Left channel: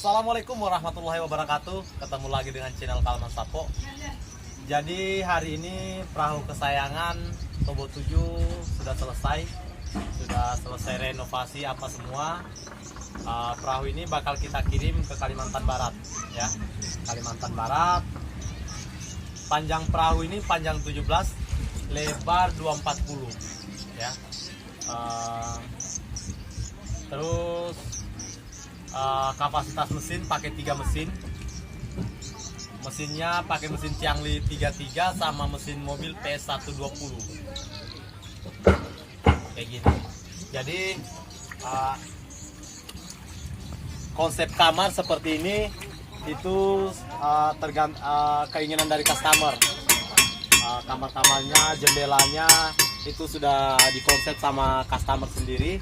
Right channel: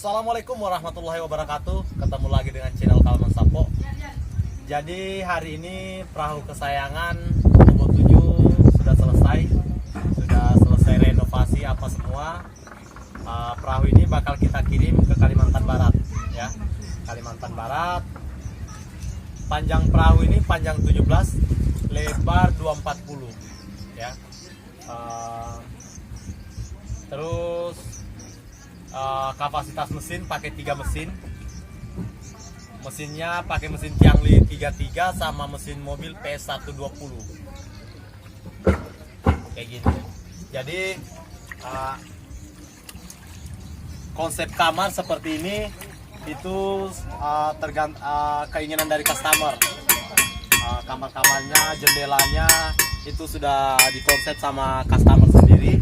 Assalamualaikum warahmatullahi wabarakatuh. Ketemu lagi dengan channel Kalman Sapo. Jadi hari ini perahu kesayangan Tobo 7 sudah selesai renovasi apa semua. Perahu ini bakal kita kirim ke Kalimantan Barat ya. Kalimantan Barat. Panjang perahu ini panjang 17, lebar 240 ya. Terus kapasitas mesin pakai 3 mesin. Mesinnya pakai mesin Tiangli 33 sama mesin mobil PS120 kayak gini. Jadi konsep kamar seperti ini itu keinginan dari customer. Kamar-kamarnya, jendelanya itu sudah dikonsep sama customer sendiri.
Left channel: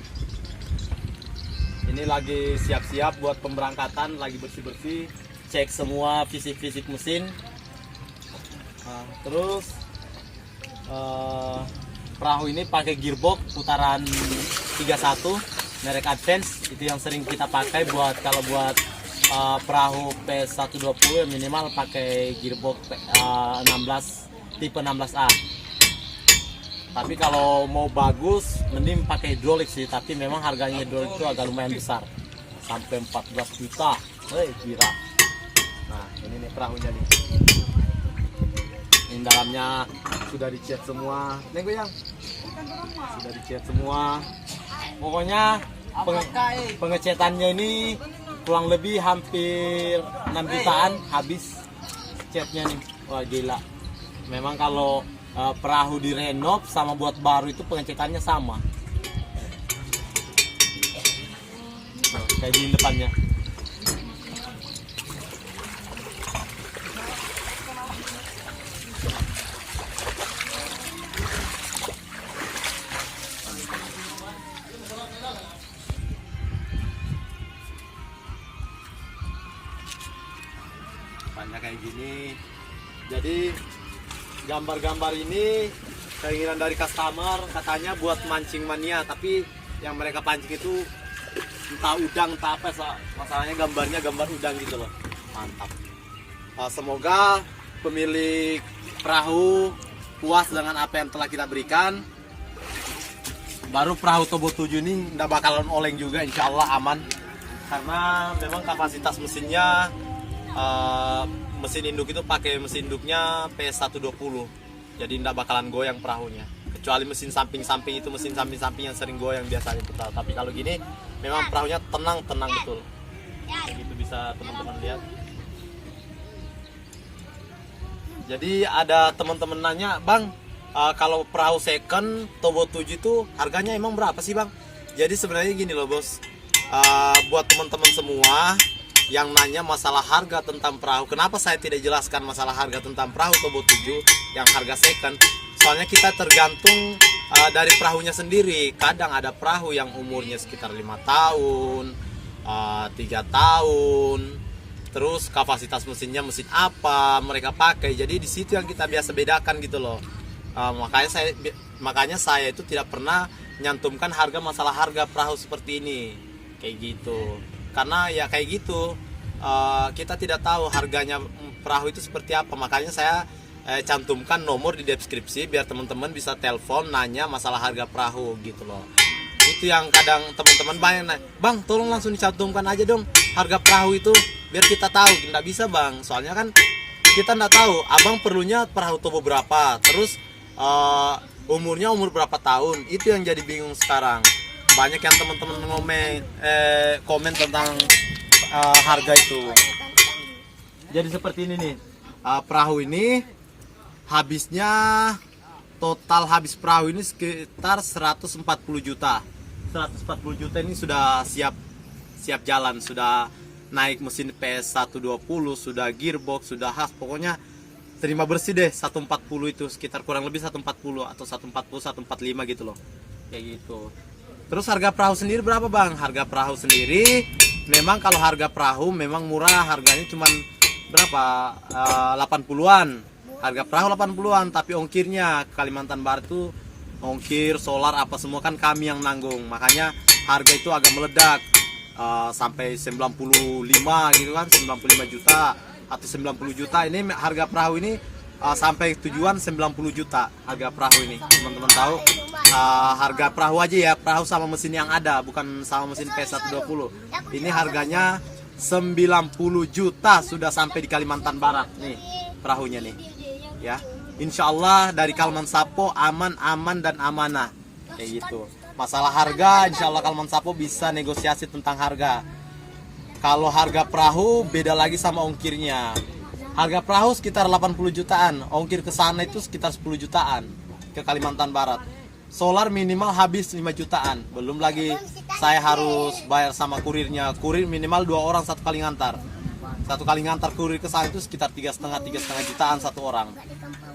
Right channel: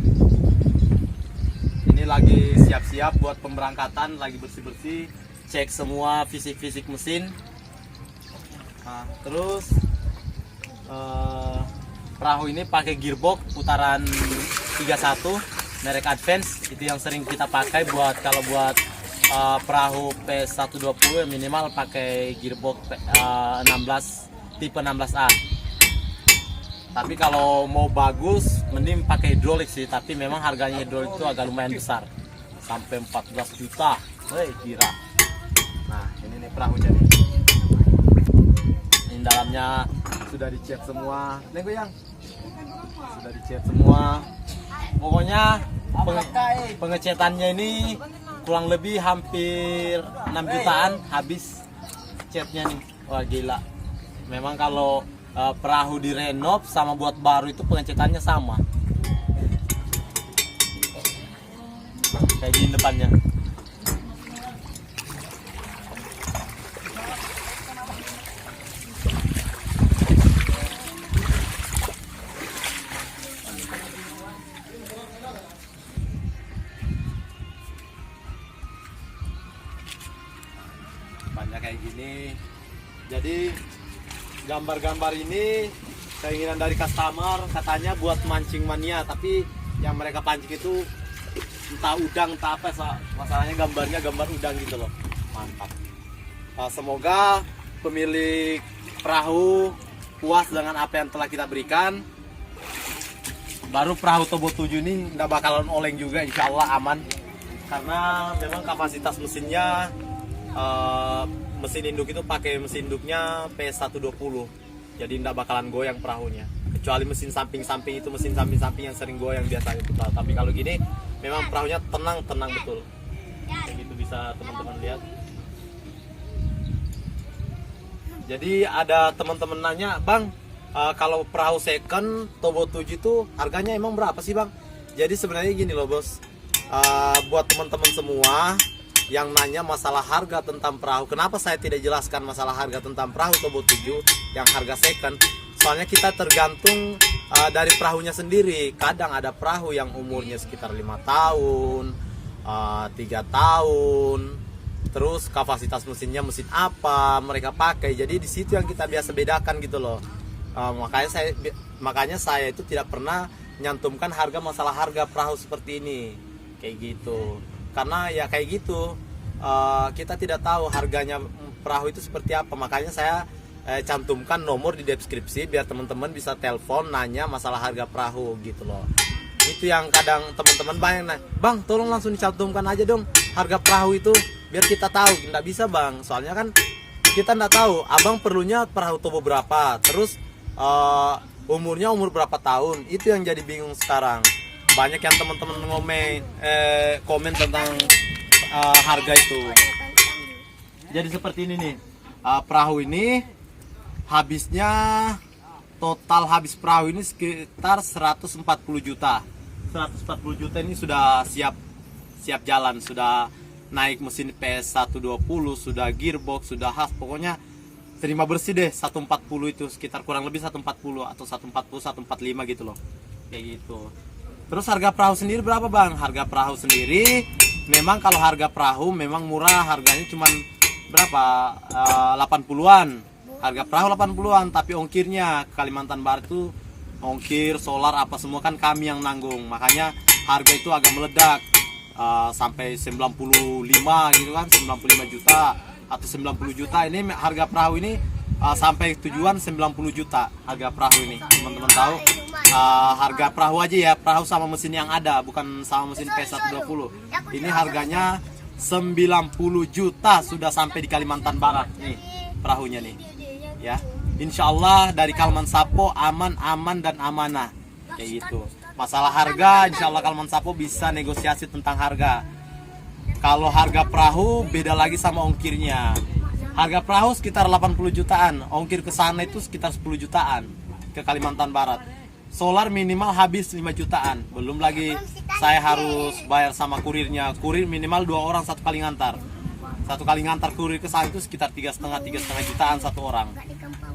Ini lagi siap-siap buat pemberangkatan, lagi bersih-bersih, cek semua fisik-fisik mesin. Terus perahu ini pakai gearbox putaran 31 merek Advance, itu yang sering kita pakai buat perahu PS120 minimal pakai gearbox 16 tipe 16A. Tapi kalau mau bagus mending pakai hidrolik sih, tapi memang harganya hidrolik itu agak lumayan besar, sampai 14 juta. Kira. Nah, ini nih perahunya nih. Ini dalamnya sudah dicat semua. Neng Goyang. Sudah dicat semua. Pokoknya pengecatannya ini kurang lebih hampir 6 jutaan habis catnya nih. Wah gila. Memang kalau perahu direnov sama buat baru itu pengecatannya sama. Kayak gini depannya. Depannya kayak gini. Jadi gambar-gambar ini keinginan dari customer, katanya buat mancing mania, tapi yang mereka pancing itu entah udang entah apa, masalahnya gambarnya gambar udang gitu loh. Mantap. Semoga pemilik perahu puas dengan apa yang telah kita berikan. Baru perahu Tobo 7 ini nggak bakalan oleng juga, insya Allah aman, karena memang kapasitas mesinnya mesin induk itu pakai mesin induknya PS120, jadi tidak bakalan goyang perahunya, kecuali mesin samping-samping itu, mesin samping-samping yang sering goyang biasanya putar. Tapi kalau gini memang perahunya tenang betul. Begitu bisa teman-teman lihat. Jadi ada teman-teman nanya, Bang, kalau perahu second Tobo 7 itu harganya emang berapa sih Bang? Jadi sebenarnya gini loh bos, buat teman-teman semua yang nanya masalah harga tentang perahu, kenapa saya tidak jelaskan masalah harga tentang perahu Tobo 7 yang harga second? Soalnya kita tergantung dari perahunya sendiri. Kadang ada perahu yang umurnya sekitar 5 tahun, 3 tahun, terus kapasitas mesinnya mesin apa mereka pakai. Jadi di situ yang kita biasa bedakan gitu loh. Makanya saya itu tidak pernah nyantumkan masalah harga perahu seperti ini kayak gitu. Karena ya kayak gitu, kita tidak tahu harganya perahu itu seperti apa. Makanya saya cantumkan nomor di deskripsi biar teman-teman bisa telepon nanya masalah harga perahu gitu loh. Itu yang kadang teman-teman banyak nanya, Bang tolong langsung dicantumkan aja dong harga perahu itu biar kita tahu. Nggak bisa Bang, soalnya kan kita nggak tahu abang perlunya perahu Tobo berapa, terus umurnya umur berapa tahun. Itu yang jadi bingung sekarang. Banyak yang teman-teman komen tentang harga itu. Jadi seperti ini nih, perahu ini total habis perahu ini sekitar 140 juta. 140 juta ini sudah siap jalan, sudah naik mesin PS120, sudah gearbox, sudah pokoknya terima bersih deh. 140 itu sekitar kurang lebih 140 atau 140 145 gitu loh. Kayak gitu. Terus harga perahu sendiri berapa Bang? Harga perahu sendiri memang kalau harga perahu memang murah, harganya cuman berapa? 80-an. Harga perahu 80-an, tapi ongkirnya ke Kalimantan Barat itu ongkir, solar apa semua kan kami yang nanggung. Makanya harga itu agak meledak. sampai 95 gitu kan, 95 juta atau 90 juta. Ini harga perahu ini sampai tujuan 90 juta harga perahu ini. Teman-teman tahu harga perahu aja ya, perahu sama mesin yang ada, bukan sama mesin P120. Ini harganya 90 juta sudah sampai di Kalimantan Barat nih perahunya nih ya. Insya Allah dari Kalman Sapo aman dan amanah kayak gitu. Masalah harga insya Allah Kalman Sapo bisa negosiasi tentang harga. Kalau harga perahu beda lagi sama ongkirnya. Harga perahu sekitar 80 jutaan, ongkir ke sana itu sekitar 10 jutaan ke Kalimantan Barat. Solar minimal habis 5 jutaan, belum lagi saya harus bayar sama kurirnya. Kurir minimal 2 orang satu kali ngantar. Satu kali ngantar kurir ke sana itu sekitar 3,5 jutaan satu orang.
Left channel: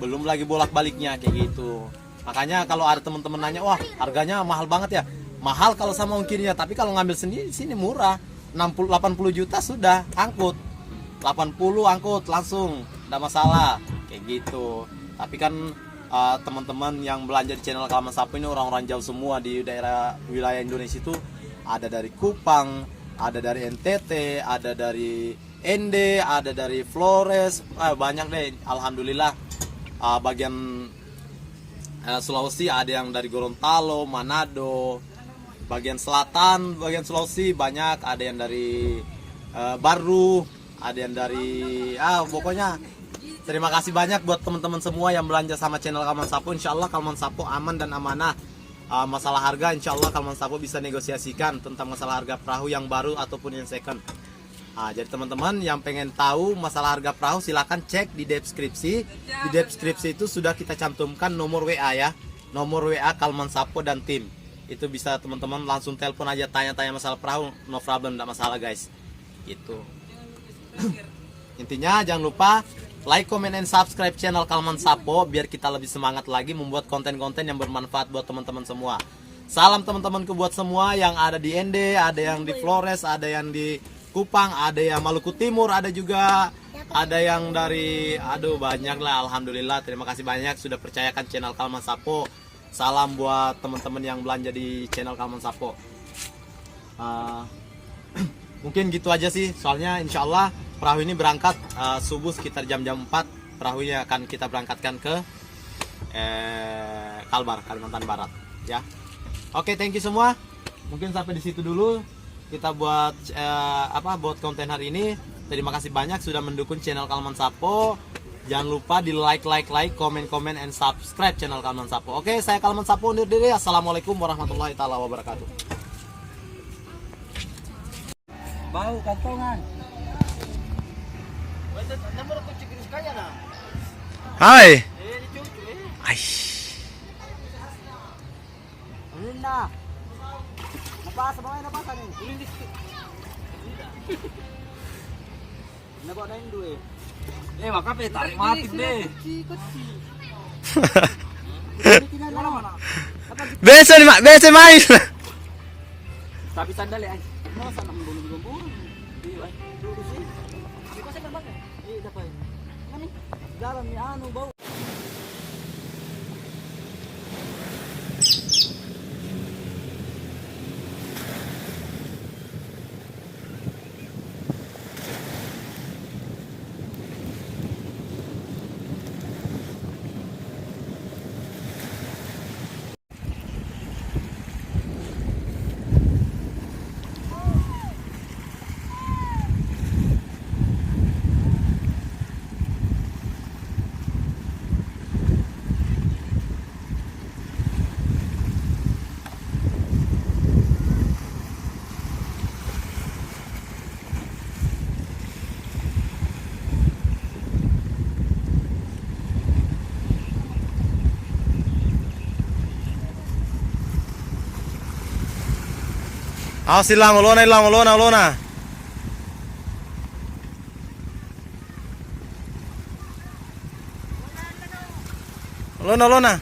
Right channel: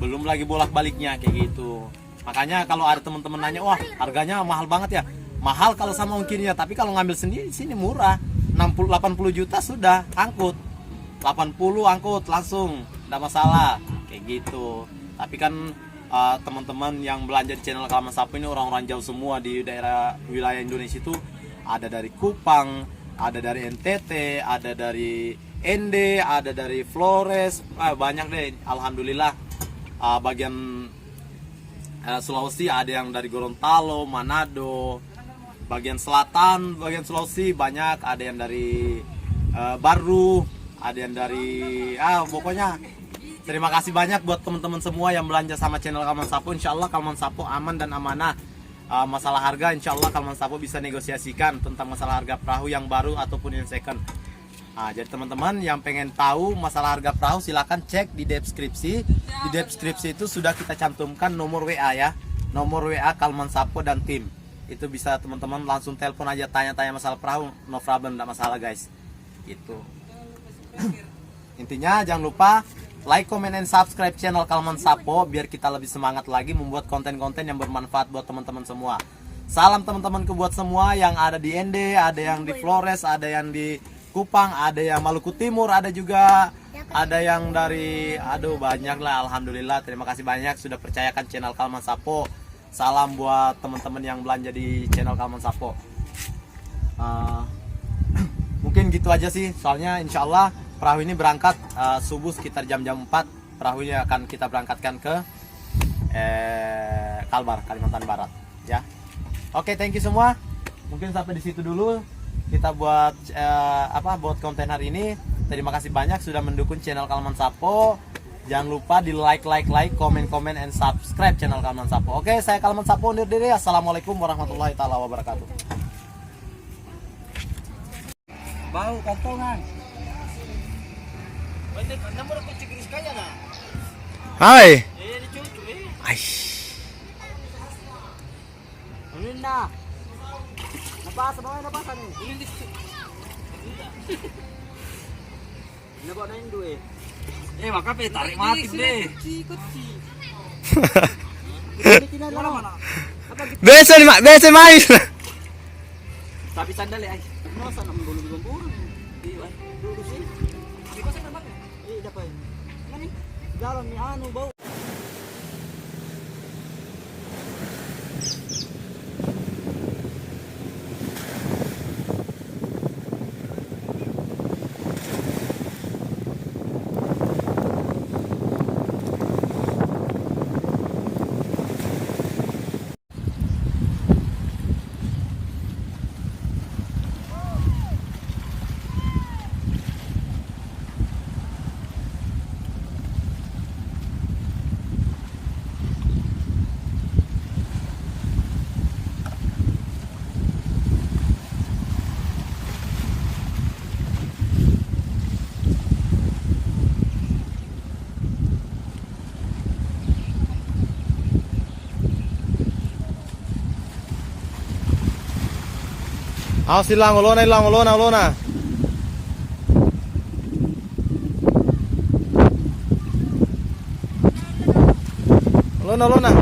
Belum lagi bolak-baliknya kayak gitu. Makanya kalau ada teman-teman nanya, wah harganya mahal banget ya. Mahal kalau sama ongkirnya, tapi kalau ngambil sendiri sini murah. 80 juta sudah angkut. 80 angkut langsung, tidak masalah kayak gitu. Tapi kan teman-teman yang belanja di channel Kalman Sapo ini orang-orang jauh semua di daerah wilayah Indonesia itu. Ada dari Kupang, ada dari NTT, ada dari ND, ada dari Flores, banyak deh. Alhamdulillah bagian Sulawesi ada yang dari Gorontalo, Manado, bagian selatan, bagian Sulawesi banyak, ada yang dari Baru, ada yang dari pokoknya terima kasih banyak buat teman-teman semua yang belanja sama channel Kalman Sapo. Insya Allah Kalman Sapo aman dan amanah. Masalah harga insya Allah Kalman Sapo bisa negosiasikan tentang masalah harga perahu yang baru ataupun yang second. Jadi teman-teman yang pengen tahu masalah harga perahu silahkan cek di deskripsi. Di deskripsi itu sudah kita cantumkan nomor WA ya, nomor WA Kalman Sapo dan tim. Itu bisa teman-teman langsung telepon aja, tanya-tanya masalah perahu, no problem, tidak masalah guys. Itu intinya jangan lupa like, comment, and subscribe channel Kalman Sapo biar kita lebih semangat lagi membuat konten-konten yang bermanfaat buat teman-teman semua. Salam teman-temanku buat semua yang ada di ND, ada yang di Flores, ada yang di Kupang, ada yang Maluku Timur, ada juga ada yang dari banyak lah. Alhamdulillah, terima kasih banyak sudah percayakan channel Kalman Sapo. Salam buat teman-teman yang belanja di channel Kalman Sapo. Mungkin gitu aja sih, soalnya insya Allah perahu ini berangkat subuh sekitar jam-jam 4. Perahunya akan kita berangkatkan ke Kalbar, Kalimantan Barat ya. Oke, thank you semua. Mungkin sampai di situ dulu kita buat buat konten hari ini. Terima kasih banyak sudah mendukung channel Kalman Sapo. Jangan lupa di like, komen, and subscribe channel Kalman Sapo. Oke, saya Kalman Sapo undur diri. Assalamualaikum warahmatullahi taala wabarakatuh. Bau kantongan. Hai. Aish. Ulin na. Nabasa nih. Ulin di. Nabasa na Indo eh. Maka pe tarik mati deh. Biasa mais. Tapi sandal ay. Nasa nang bulong-bulong. Di ay. Dulu sih. Di ko sa kanbak eh. Dapat. Ngani? Dalam ni bau. Silang ulona. Lona.